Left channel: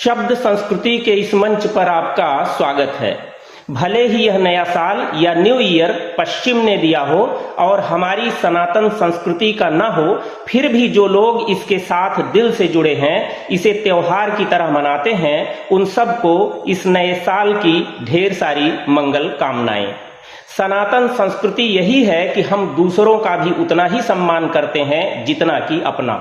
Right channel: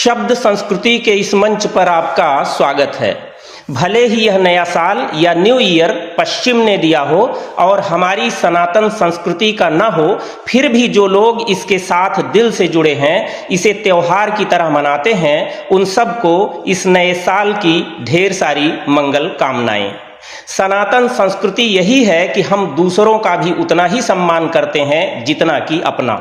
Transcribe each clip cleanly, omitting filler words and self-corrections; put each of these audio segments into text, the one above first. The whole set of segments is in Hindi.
शब्द संस्कृति के इस मंच पर आपका स्वागत है। भले ही यह नया साल या न्यू ईयर पश्चिम ने दिया हो और हमारी सनातन संस्कृति का न हो, फिर भी जो लोग इसके साथ दिल से जुड़े हैं, इसे त्योहार की तरह मनाते हैं, उन सबको इस नए साल की ढेर सारी मंगल कामनाएं। सनातन संस्कृति यही है कि हम दूसरों का भी उतना ही सम्मान करते हैं जितना कि अपना।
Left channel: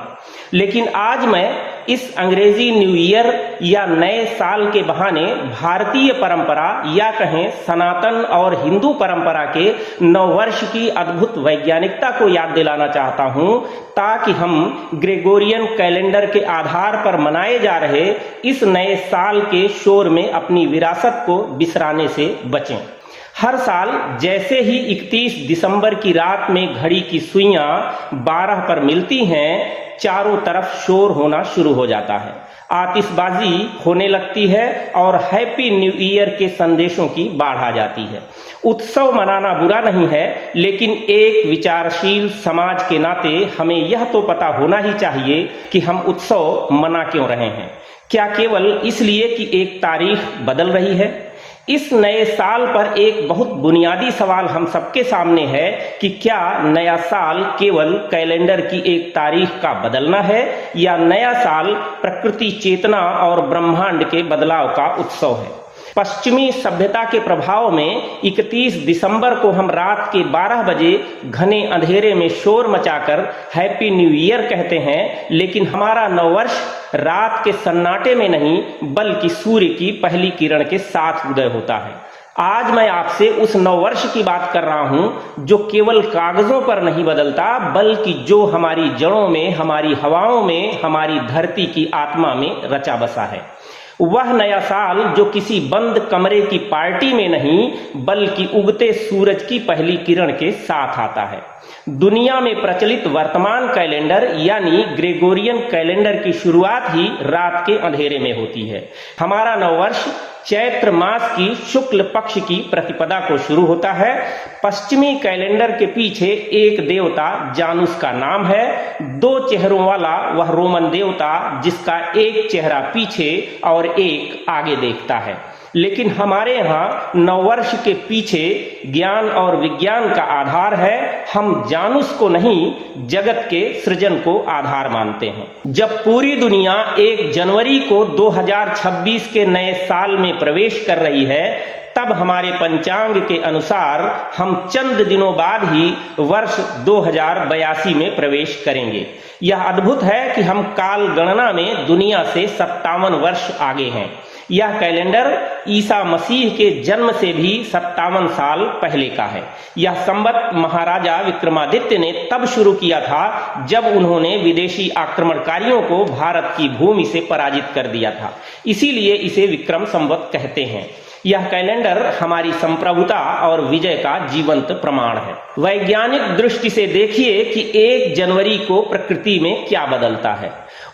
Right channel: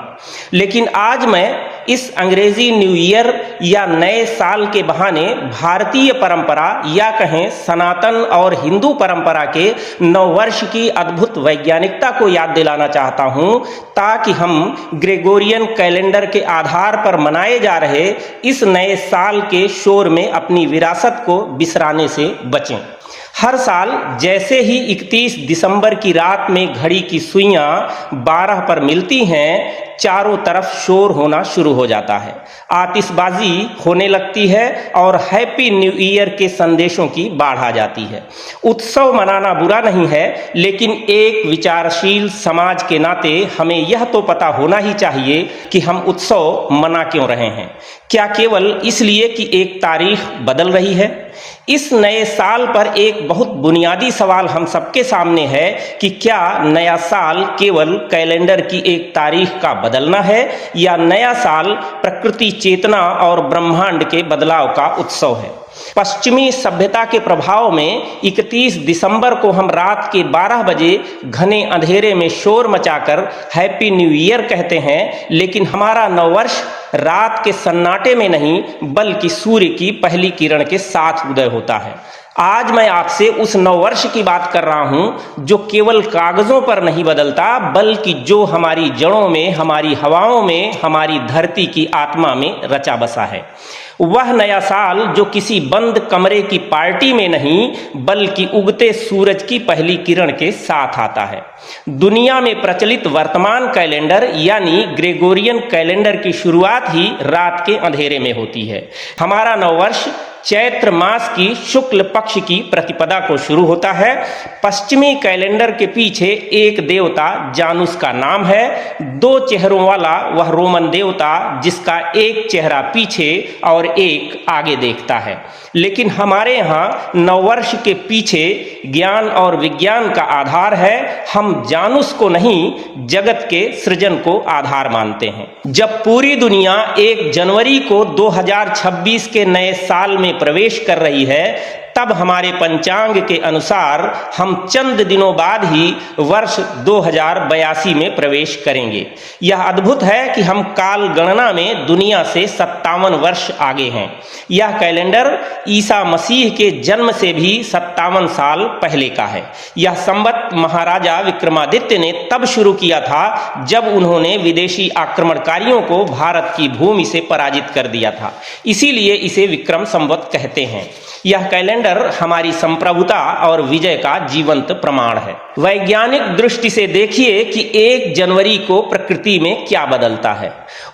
लेकिन आज मैं इस अंग्रेजी न्यू ईयर या नए साल के बहाने भारतीय परंपरा या कहें सनातन और हिंदू परंपरा के नववर्ष की अद्भुत वैज्ञानिकता को याद दिलाना चाहता हूं, ताकि हम ग्रेगोरियन कैलेंडर के आधार पर मनाए जा रहे इस नए साल के शोर में अपनी विरासत को बिसराने से बचें। हर साल जैसे ही 31 दिसंबर की रात में घड़ी की सुइयां 12 पर मिलती हैं, चारों तरफ शोर होना शुरू हो जाता है, आतिशबाजी होने लगती है और हैप्पी न्यू ईयर के संदेशों की बाढ़ आ जाती है। उत्सव मनाना बुरा नहीं है, लेकिन एक विचारशील समाज के नाते हमें यह तो पता होना ही चाहिए कि हम उत्सव मना क्यों रहे हैं। क्या केवल इसलिए कि एक तारीख बदल रही है? इस नए साल पर एक बहुत बुनियादी सवाल हम सबके सामने है कि क्या नया साल केवल कैलेंडर की एक तारीख का बदलना है, या नया साल प्रकृति चेतना और ब्रह्मांड के बदलाव का उत्सव है। पश्चिमी सभ्यता के प्रभाव में 31 दिसंबर को हम रात के 12 बजे घने अंधेरे में शोर मचाकर हैप्पी न्यू ईयर कहते हैं, लेकिन हमारा नववर्ष रात के सन्नाटे में नहीं बल्कि सूर्य की पहली किरण के साथ उदय होता है। आज मैं आपसे उस नववर्ष की बात कर रहा हूं जो केवल कागजों पर नहीं बदलता, बल्कि जो हमारी जड़ों में, हमारी हवाओं में, हमारी धरती की आत्मा में रचा बसा है। वह नया साल जो किसी बंद कमरे की पार्टी में नहीं बल्कि उगते सूरज की पहली किरण के साथ आता है। दुनिया में प्रचलित वर्तमान कैलेंडर यानी ग्रेगोरियन कैलेंडर की शुरुआत ही रात के अंधेरे में होती है। हमारा नववर्ष चैत्र मास की शुक्ल पक्ष की प्रतिपदा को शुरू होता है। पश्चिमी कैलेंडर के पीछे एक देवता जानुस का नाम है, 2 चेहरों वाला वह रोमन देवता जिसका एक चेहरा पीछे और एक आगे देखता है। लेकिन हमारे यहाँ नववर्ष के पीछे ज्ञान और विज्ञान का आधार है। हम जानुस को नहीं, जगत के सृजन को आधार मानते हैं। जब पूरी दुनिया 1 जनवरी को 2026 के नए साल में प्रवेश कर रही है, तब हमारे पंचांग के अनुसार हम चंद दिनों बाद ही वर्ष 2082 में प्रवेश करेंगे। यह अद्भुत है कि हम काल गणना में दुनिया से 57 वर्ष आगे हैं। यह कैलेंडर ईसा मसीह के जन्म से भी 57 साल पहले का है। यह संवत महाराजा विक्रमादित्य ने तब शुरू किया था जब उन्होंने विदेशी आक्रमणकारियों को भारत की भूमि से पराजित कर दिया था। इसीलिए इसे विक्रम संवत कहते हैं। यह कैलेंडर हमारी संप्रभुता और विजय का जीवंत प्रमाण है। वैज्ञानिक दृष्टि से देखिए कि 1 जनवरी को प्रकृति में क्या बदलता है।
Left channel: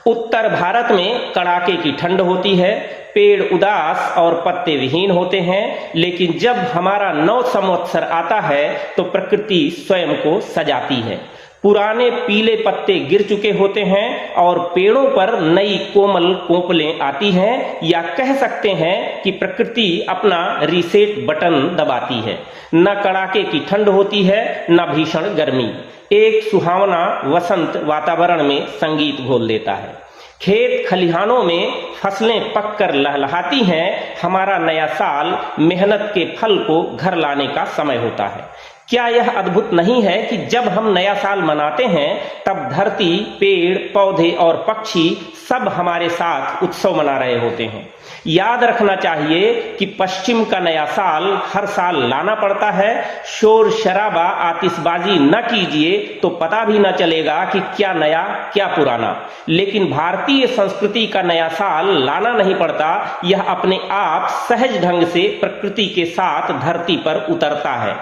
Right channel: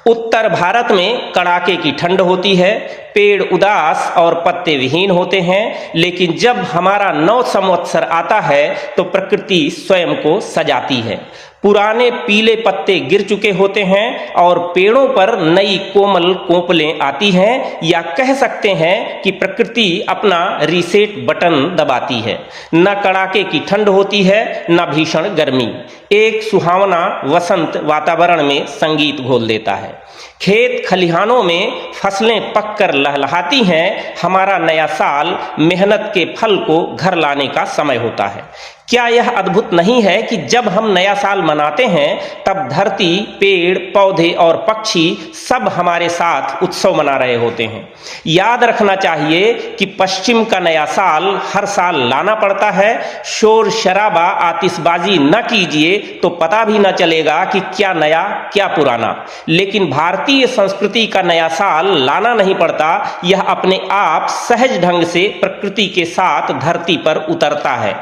उत्तर भारत में कड़ाके की ठंड होती है, पेड़ उदास और पत्ते विहीन होते हैं, लेकिन जब हमारा नव संवत्सर आता है तो प्रकृति स्वयं को सजाती है। पुराने पीले पत्ते गिर चुके होते हैं और पेड़ों पर नई कोमल कोपलें आती हैं, या कह सकते हैं कि प्रकृति अपना रीसेट बटन दबाती है। न कड़ाके की ठंड होती है, न भीषण गर्मी। एक सुहावना वसंत वातावरण में संगीत घोल देता है। खेत खलिहानों में फसलें पककर लहलहाती हैं। हमारा नया साल मेहनत के फल को घर लाने का समय होता है। क्या यह अद्भुत नहीं है कि जब हम नया साल मनाते हैं तब धरती, पेड़, पौधे और पक्षी सब हमारे साथ उत्सव मना रहे होते हैं। याद रखना चाहिए कि पश्चिम का नया साल हर साल लाना पड़ता है। शोर शराबा, आतिशबाजी न कीजिए तो पता भी न चलेगा कि क्या नया क्या पुराना। लेकिन भारतीय संस्कृति का नया साल लाना नहीं पड़ता, यह अपने आप सहज ढंग से प्रकृति के साथ धरती पर उतरता है।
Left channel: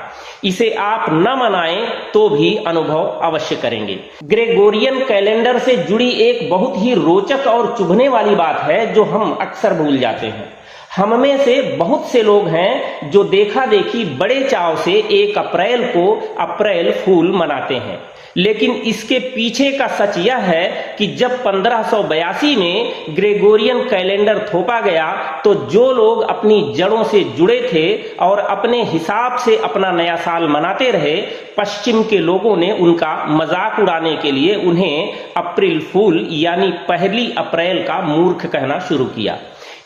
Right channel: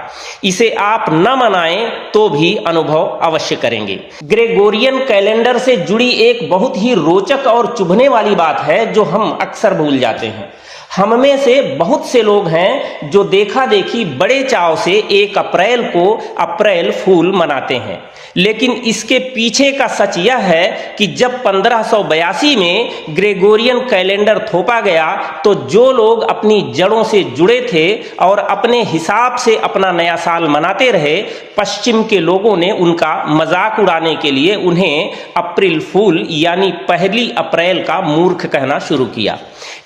इसे आप न मनाएं तो भी अनुभव अवश्य करेंगे। ग्रेगोरियन कैलेंडर से जुड़ी एक बहुत ही रोचक और चुभने वाली बात है जो हम अक्सर भूल जाते हैं। हम में से बहुत से लोग हैं जो देखा देखी बड़े चाव से 1 अप्रैल को अप्रैल फूल मनाते हैं, लेकिन इसके पीछे का सच यह है कि जब 1582 में ग्रेगोरियन कैलेंडर थोपा गया तो जो लोग अपनी जड़ों से जुड़े थे और अपने हिसाब से अपना नया साल मनाते रहे, पश्चिम के लोगों ने उनका मजाक उड़ाने के लिए उन्हें अप्रैल फूल यानी 1 अप्रैल का मूर्ख कहना शुरू किया।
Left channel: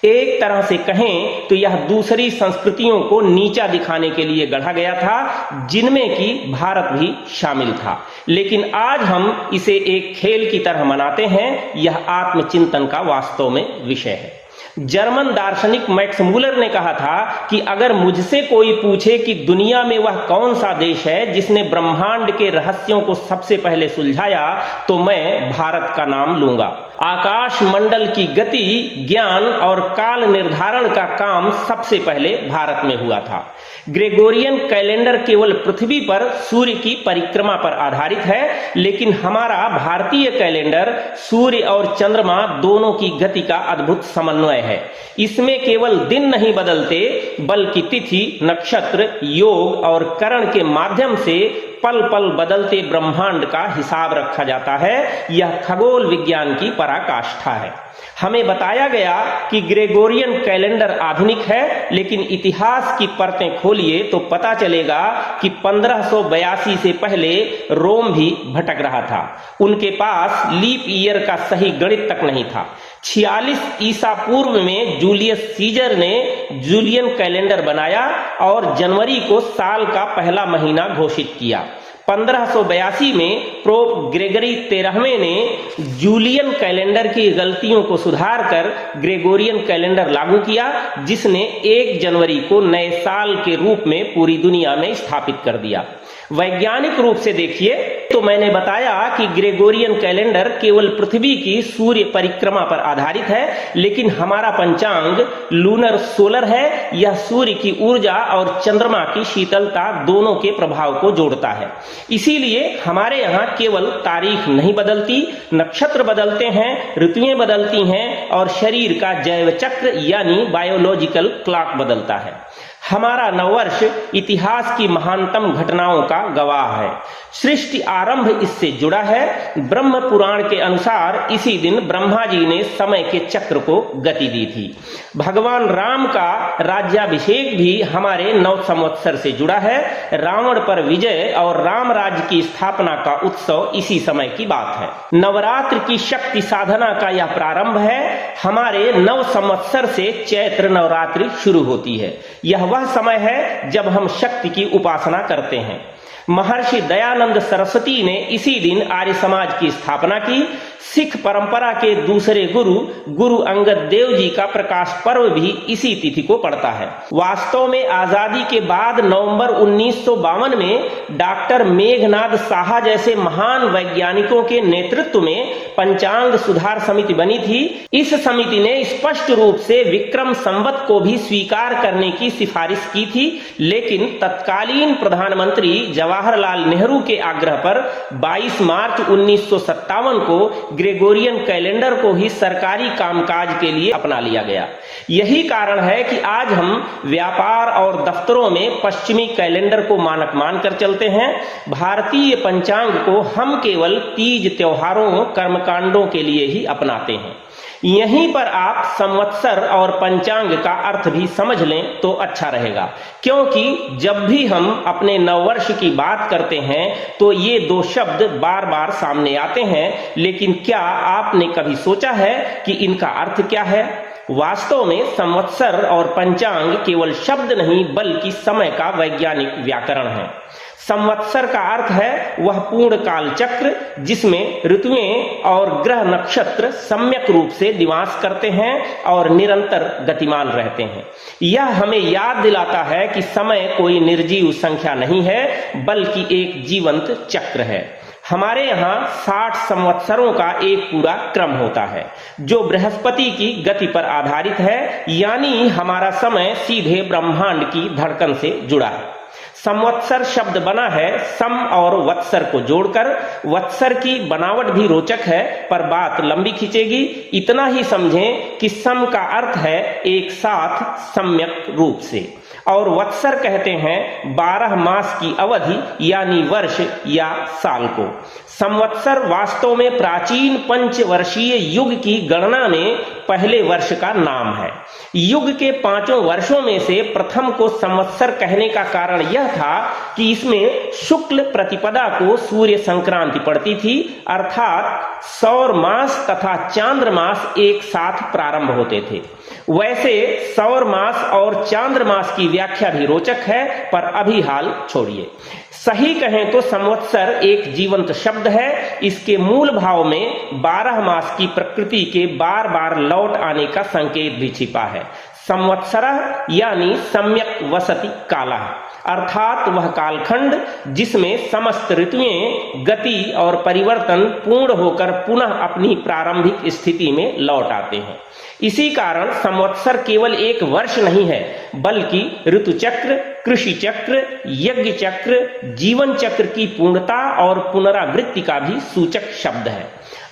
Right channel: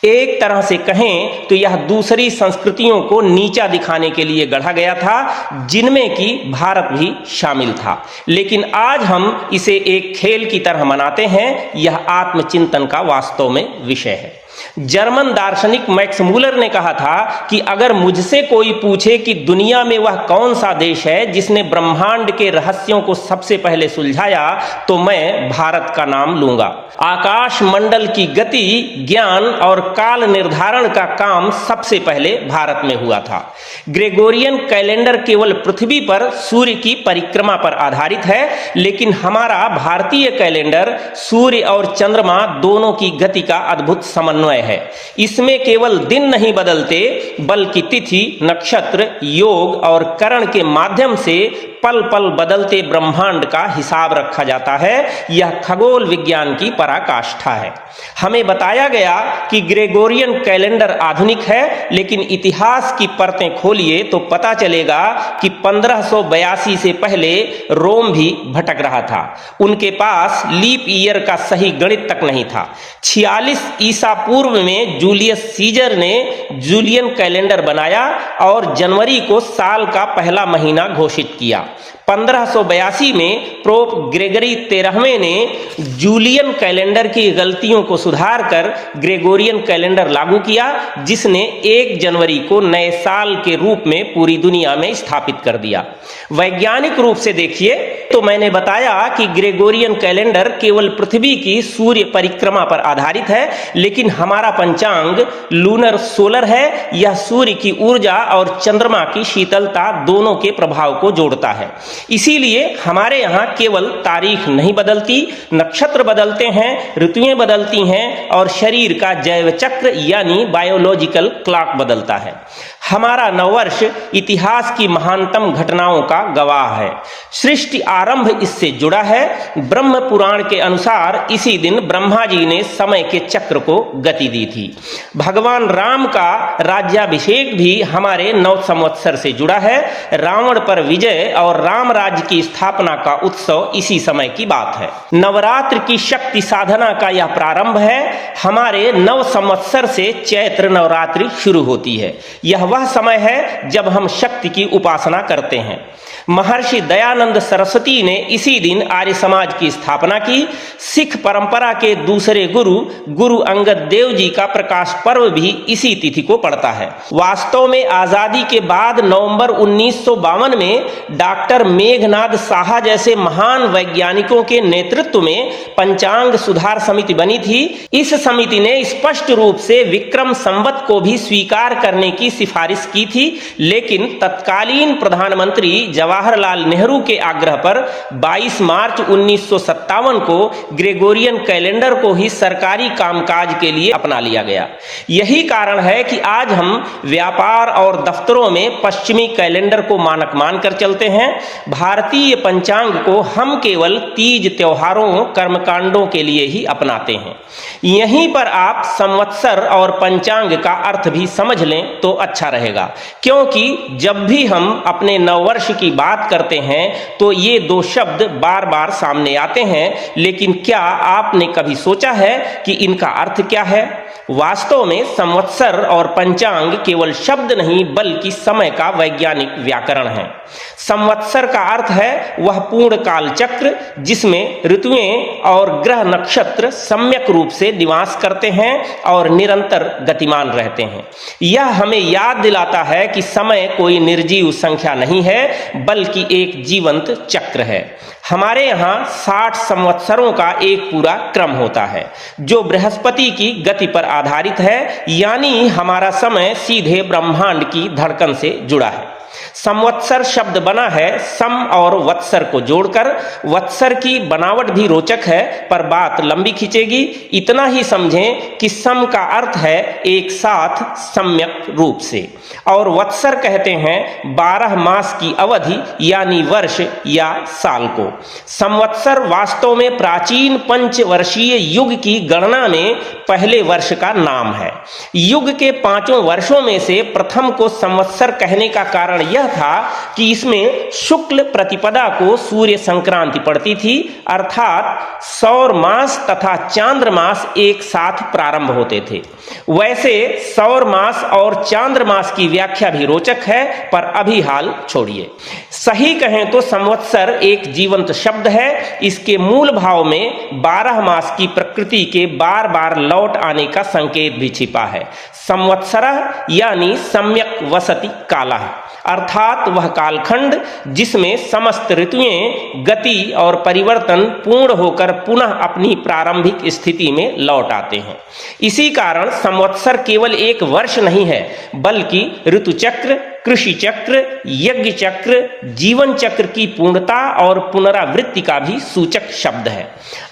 एक तरह से कहें तो यह दूसरी संस्कृतियों को नीचा दिखाने के लिए गढ़ा गया था, जिनमें कि भारत भी शामिल था। लेकिन आज हम इसे एक खेल की तरह मनाते हैं। यह आत्मचिंतन का वास्तव में विषय है। जर्मन दार्शनिक मैक्स मूलर ने कहा था कि अगर मुझसे कोई पूछे कि दुनिया में वह कौन सा देश है जिसने ब्रह्मांड के रहस्यों को सबसे पहले सुलझाया, तो मैं भारत का नाम लूंगा। आकाश मंडल की गति, ज्ञान और काल निर्धारण का काम सबसे पहले भारत में हुआ था। ग्रेगोरियन कैलेंडर केवल पृथ्वी पर सूर्य की परिक्रमा पर आधारित है, लेकिन हमारा भारतीय कैलेंडर सूर्य और चंद्रमा दोनों की गति का अद्भुत समन्वय है। इसमें केवल दिन नहीं बदलते, बल्कि तिथि, नक्षत्र, योग और करण के माध्यम से पल पल बदलते ब्रह्मांड का हिसाब रखा जाता है। यह खगोल विज्ञान की पराकाष्ठा है। हमें बताया गया कि ग्रेगोरियन कैलेंडर आधुनिक है, लेकिन इतिहास की परतें खोलिए तो पता चलेगा कि 1582 से पहले रोम भी भटक रहा था। उनके पास लीप ईयर का सही गणित तक नहीं था। 46 ईसा पूर्व में जूलियस सीजर ने जूलियन कैलेंडर बनाया और जनवरी को साल का पहला महीना घोषित किया। 1582 में पोप ग्रेगरी 13वें ने जूलियन कैलेंडर की गलतियों को सुधार कर ग्रेगोरियन कैलेंडर लागू किया, जिसने 1 जनवरी को नए साल के रूप में पूरी दुनिया में स्थापित कर दिया। वैज्ञानिक रूप से देखिए तो मैंने बताया कि ग्रेगोरियन कैलेंडर केवल पृथ्वी की सूर्य परिक्रमा पर आधारित है, लेकिन हमारा पंचांग लूनर सोलर है। यह सूर्य की ऊर्जा और चंद्रमा की शीतलता दोनों के प्रभाव को जोड़ता है। इसीलिए हमारे यहाँ केवल तारीख नहीं बदलती, नक्षत्र बदलते हैं, ऋतुएं बदलती हैं और शरीर का जैव चक्र यानी बायोलॉजिकल क्लॉक बदलता है। हमारा नववर्ष इतिहास की महानतम घटनाओं का गवाह है। सृष्टि आरंभ इससे जुड़ा है। ब्रह्म पुराण के अनुसार इसी दिन ब्रह्मा जी ने समय के चक्र को गति दी थी। भगवान राम का राज्याभिषेक भी हमारे नव संवत्सर से जुड़ा है। रावण पर विजय और राम राज्य की स्थापना का उत्सव इसी समय की बात है। नवरात्र की शक्ति साधना का यह प्रारंभ है। हमारे नव संवत्सर से चैत्र नवरात्रि शुरू होती है। यह वह समय है जब हम शक्ति की उपासना करते हैं। महर्षि दयानंद सरस्वती ने इसी दिन आर्य समाज की स्थापना की। सिख परंपरा के दूसरे गुरु अंगद देव जी का प्रकाश पर्व भी इसी तिथि को पड़ता है। वास्तव में आजादी के बाद नवंबर 1952 में डॉक्टर मेघनाद साहा जैसे महान वैज्ञानिकों के नेतृत्व में पंचांग सुधार समिति बनी थी। इस समिति ने स्पष्ट रूप से विक्रम संवत को भी स्वीकार करने की सिफारिश की थी, लेकिन तत्कालीन प्रधानमंत्री जवाहरलाल नेहरू के आग्रह पर 22 मार्च 1957 को ग्रेगोरियन कैलेंडर को ही सरकारी कामकाज के लिए अपना लिया गया। यही कारण है कि आज हम व्यापार और दफ्तरों में पश्चिमी कैलेंडर को मानक मानकर चलते हैं। भारतीय पंचांग को हम केवल तीज, त्योहारों, कर्मकांडों के लिए ही अपनाते हैं। यहीं पर आप संवत्सर और पंचांग का अर्थ भी समझ लें तो अच्छा रहेगा, क्योंकि जब भी हम अपने नववर्ष की बात करते हैं तो ये 2 शब्द बार बार सामने आते हैं, लेकिन क्या आपने कभी सोचा है कि इनका अर्थ क्या है? वास्तव में संवत्सर और पंचांग केवल शब्द नहीं बल्कि समय का वैज्ञानिक व्याकरण है। संवत्सर का अर्थ है वह पूर्ण काल चक्र जिसमें ऋतुएं और ग्रह नक्षत्र सम्यक रूप से निवास करते हैं और निरंतर गतिमान रहते हैं। यह हमें याद दिलाता है कि समय कोई निर्जीव संख्या नहीं है, बल्कि एक जीवंत चक्र है। हमारे यहाँ 60 संवत्सरों का एक पूरा क्रम होता है जो बृहस्पति की गति पर आधारित है, यानी हमारा समय सीधे ब्रह्मांड की धड़कन से जुड़ा है। संवत्सर शब्द बना है सम और वत्सर को जोड़कर। वत्सर की बनावट भी रोचक है, पर बात लंबी खींचेगी। इतना ही समझें कि सम का अर्थ है एक साथ सम्यक रूप से, और वत्सर कहते हैं 12 मास की अवधि यानी वर्ष या साल को। संवत्सर वास्तव में प्राचीन पंचवर्षीय युग की गणना में पहले वर्ष का नाम है। युग के 5 वर्षों में से प्रथम को संवत्सर कहने का कारण यह था कि इसमें शुक्ल प्रतिपदा को सूर्य संक्रांति पड़ती थी, अर्थात सौर मास तथा चांद्र मास एक साथ प्रारंभ होते थे। वैसे सौर मास और चांद्र मास की व्याख्या भी रोचक है, पर अभी हाल छोड़िए। सही कहें तो संवत्सर एक जीवंत शब्द है। इसके मूल भाव में 12 मास की प्रकृति के बार बार लौट आने का संकेत भी छिपा है। संवत्सरः यानी सम्यक वसति कालः, अर्थात वह कालखंड जिसमें समस्त ऋतुएं गति और परिवर्तन पूर्ण होकर पुनः अपनी प्रारंभिक स्थिति में लौट आते हैं। इसी कारण संवत्सर केवल एक वर्ष नहीं है, बल्कि ऋतुचक्र, कृषि चक्र, यज्ञ चक्र, जीवन चक्र की पूर्णता और पुनरावृत्ति का भी सूचक शब्द है।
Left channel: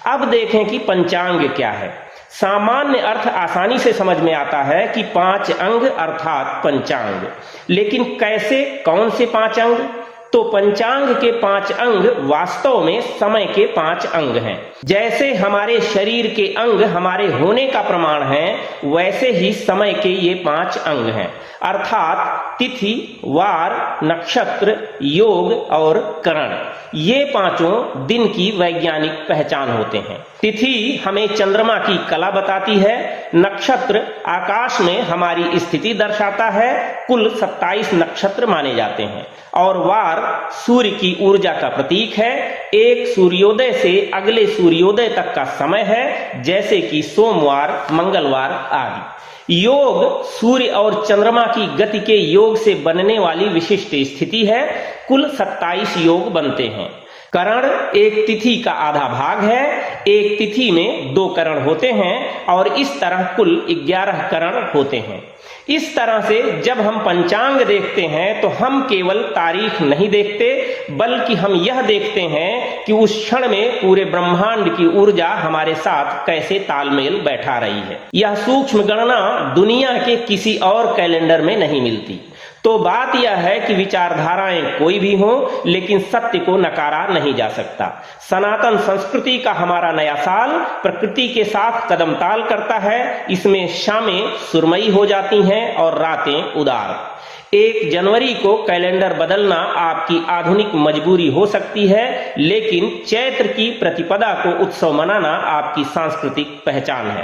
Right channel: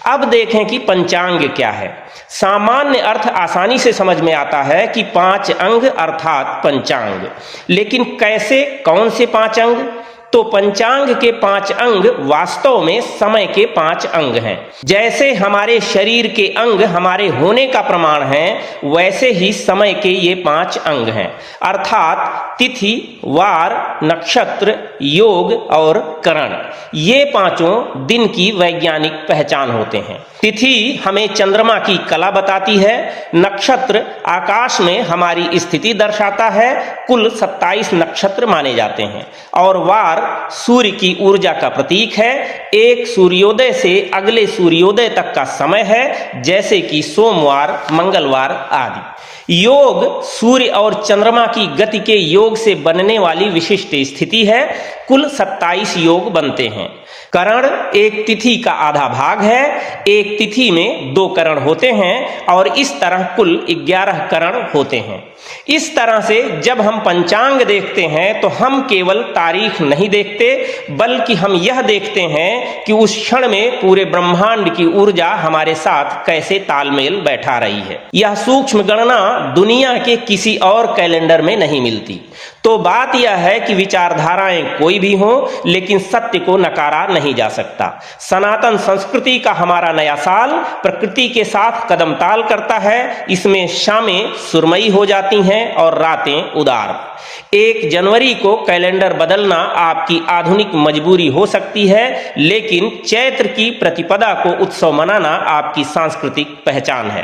अब देखें कि पंचांग क्या है। सामान्य अर्थ आसानी से समझ में आता है कि 5 अंग अर्थात पंचांग। लेकिन कैसे, कौन से 5 अंग? तो पंचांग के 5 अंग वास्तव में समय के 5 अंग हैं। जैसे हमारे शरीर के अंग हमारे होने का प्रमाण है, वैसे ही समय के ये 5 अंग हैं, अर्थात तिथि, वार, नक्षत्र, योग और करण। ये 5 दिन की वैज्ञानिक पहचान होते हैं। तिथि हमें चंद्रमा की कला बताती है, नक्षत्र आकाश में हमारी स्थिति दर्शाता है, कुल 27 नक्षत्र माने जाते हैं, और वार सूर्य की ऊर्जा का प्रतीक है। एक सूर्योदय से अगले सूर्योदय तक का समय है, जैसे कि सोमवार, मंगलवार आदि। योग सूर्य और चंद्रमा की गति के योग से बनने वाली विशिष्ट स्थिति है। कुल 27 योग बनते हैं। करण एक तिथि का आधा भाग है। एक तिथि में 2 करण होते हैं, और इस तरह कुल 11 करण होते हैं। इस तरह से जब हम पंचांग देखते हैं तो हम केवल तारीख नहीं देखते, बल्कि हम यह देखते हैं कि उस क्षण में पूरे ब्रह्मांड की ऊर्जा हमारे साथ कैसे तालमेल बैठा रही है। यह सूक्ष्म गणना दुनिया के किसी और कैलेंडर में नहीं मिलती। तो बात यह है कि विचारधाराएं कोई भी हो, लेकिन सत्य को नकारा नहीं जा सकता। सनातन संस्कृति का हमारा नया साल प्रकृति के साथ कदम ताल करता है। इसमें शामें सुरमई हो जाती हैं और रातें उदार। 1 जनवरी को कैलेंडर बदलना आपकी आधुनिक मजबूरी हो सकती है, लेकिन चैत्र की प्रतिपदा को उत्सव मनाना आपकी सांस्कृतिक पहचान है।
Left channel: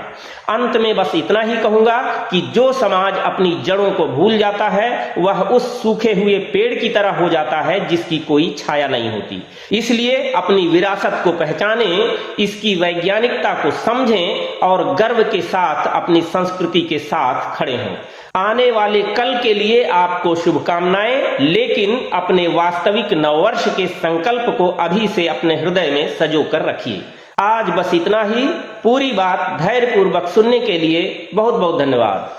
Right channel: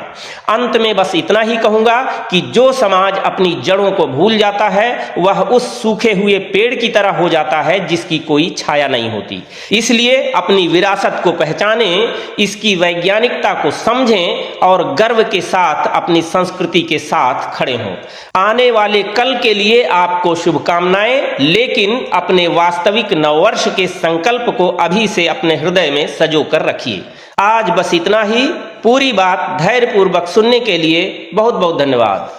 अंत में बस इतना ही कहूंगा कि जो समाज अपनी जड़ों को भूल जाता है, वह उस सूखे हुए पेड़ की तरह हो जाता है जिसकी कोई छाया नहीं होती। इसलिए अपनी विरासत को पहचानें, इसकी वैज्ञानिकता को समझें और गर्व के साथ अपनी संस्कृति के साथ खड़े हों। आने वाले कल के लिए आपको शुभकामनाएं, लेकिन अपने वास्तविक नववर्ष के संकल्प को अभी से अपने हृदय में सजो कर रखिए। आज बस इतना ही। पूरी बात धैर्यपूर्वक सुनने के लिए बहुत बहुत धन्यवाद।